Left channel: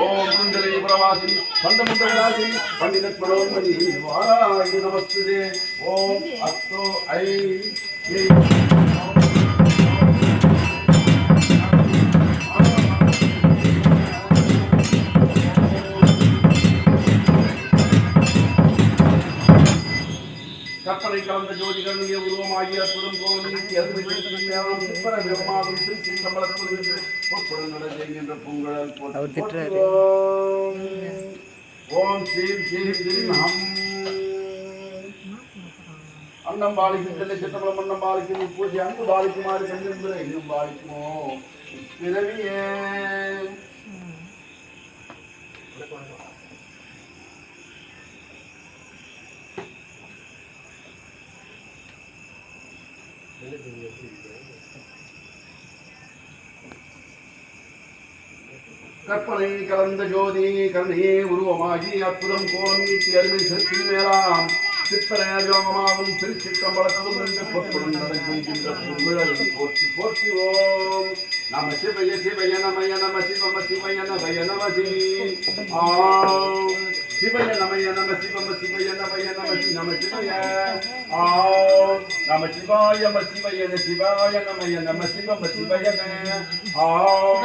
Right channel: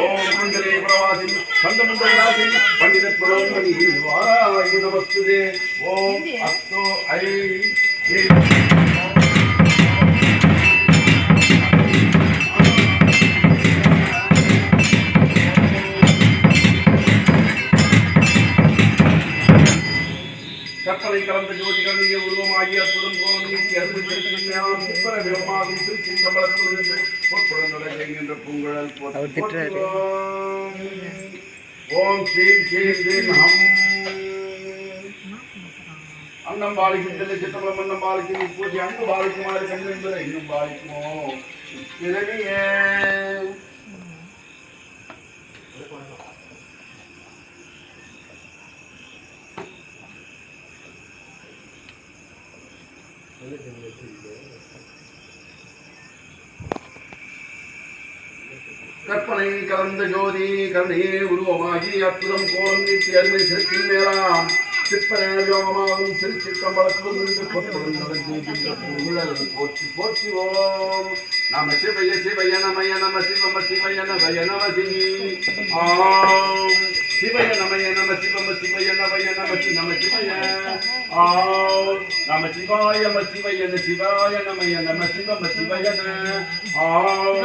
ஓம் குண்டலே பிரவாசி சந்தமுண்டகராசி பண்டிதத்மனோன்மணி வாராய நமஸ்தே. ஓம் அஸ்தோ ஐ கற்பனை கலந்த ஜோதிகள் நீங்க உருவமாகிய அற்புதம் போலும் விவமாகும் திருச்சி சம்பளத்துகின்ற பொங்கல் ஓம் ஸ்ரீம் ஸ்ரீம் ஸ்ரீம் ஹம் அன்னம் பாலிக்கும் தெல்லை சித்தம்பலம் அன்னம் பாலிக்கும் பூஜை அங்கு பாலிக்குமாறு கண்டு என்பதை இன்னும் பாலிக்குமோ பிறவியே கற்பனை கலந்த ஜோதி கருணையே உருவமாகி அற்புதம் கோலம் நீட்டி அருமை செலுத்தி மேலாம் சிற்பரயோகமாகும் திருச்சிற்றம்பலத்தும் என்று பொற்படும் நடக்கின்ற புகழல் போற்றி போற்றி. ஓம் நம சிவய சிவய நமய நம சிவம சிவய நவய நமதி. ஆம் சிவய நமய நம சிவம சிவய நவய நமதி நம சிவய. ஆம் நம சிவாய நம சிவய சிவாய நமய நம சிவம சிவய. ஆம்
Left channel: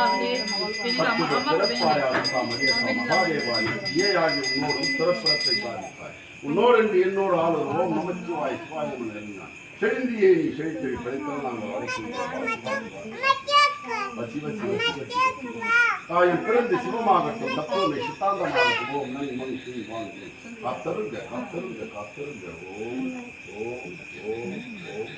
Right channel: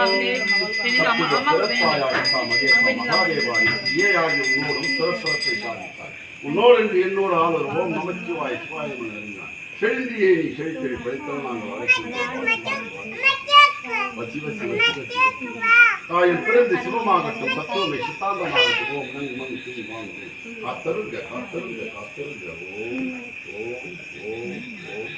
மகாதேவாய் ஏ ஆகிய உன்னோடும் சிறப்பிறப்பை சாதிப்பார். உன்னோடு என்று என்னோடு ஆளுவோம் நமச்சிவாய் சிவாயம் இருந்தான். செழுந்தியை நீ செழித்தறி படைத்தால் நாங்கள் தாயின் பிறந்து சிவமாகட்டும் தத்துவமை சித்தாந்தமாகட்டும். ஓம் நன்றி மணி செய்தி வாங்க காத்தருங்க காத்தருங்க காத்தருங்க. ஓம் ஓம் ஓம் ஓம்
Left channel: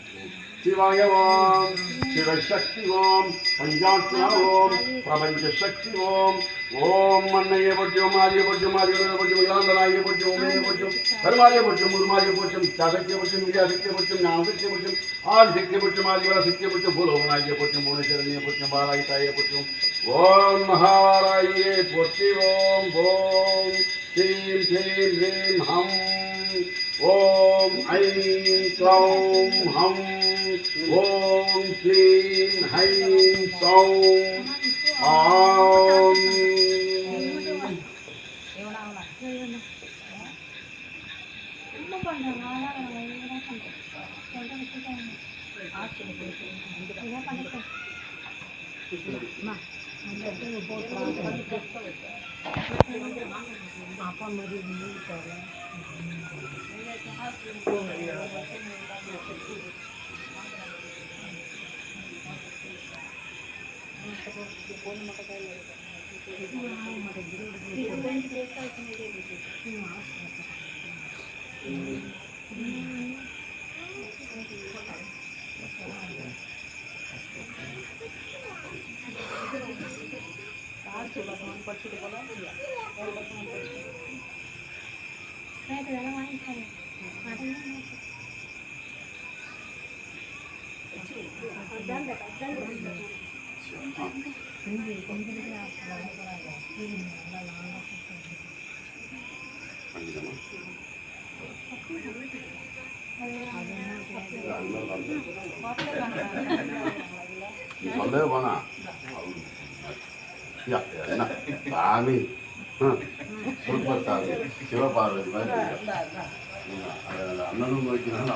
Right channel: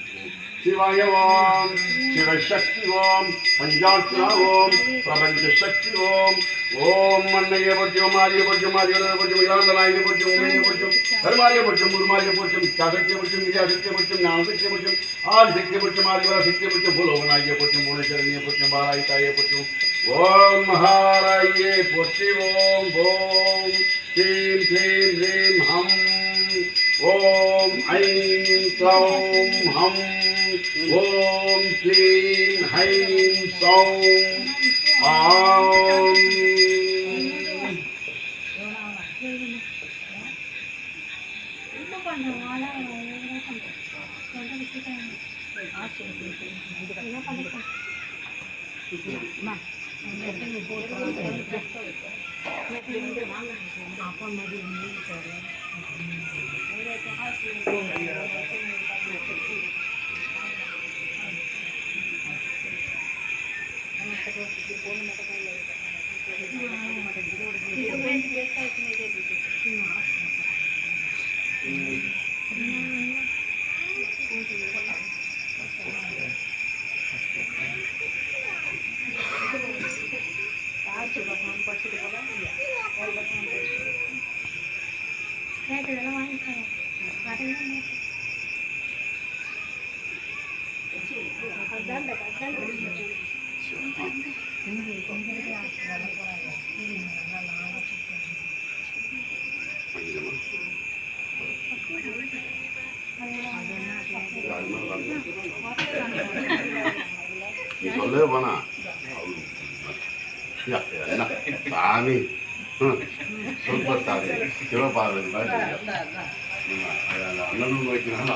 சிவாய ஓம் சிவசக்தி ஓம் பஞ்சாட்சரா ஓம் பிரபஞ்ச சக்தி ஓம். ஓம் மன்னைய பொஜ்ஜம் ஆரிய பொஜ்ஜம் ஆரிய பொஜ்ஜம் இளாந்தனாய பொஜ்ஜம் உமைய பொஜ்ஜம் கருமாரிய பொஜ்ஜம் உருமாரிய பொஜ்ஜம் சகத்திய பொஜ்ஜம் விஜயசக்திய பொஜ்ஜம் ஞானசக்திய பொஜ்ஜம் ஆதிசக்திய பொஜ்ஜம் ஆதிவர சக்திய பொஜ்ஜம் பூலோகனாய பொஜ்ஜம் புவனேஸ்வரனிய பொஜ்ஜம் பாராயிதாய பொஜ்ஜம். ஓம் மகாராயே பொற்றி. ஓம் ஓம் ஸ்ரீம் ஸ்ரீம் ஹ்ரீம் ஹம். ஓம் ஐம் க்ளௌம் ஹம். ஓம் ஸ்ரீம் ஹைம் சௌம். ஆம் சொல்லவே போனா சாமி சூப்பர் சாமி சிவபார்வதி மாதிரி அண்ணனும் வைக்கிறாங்க.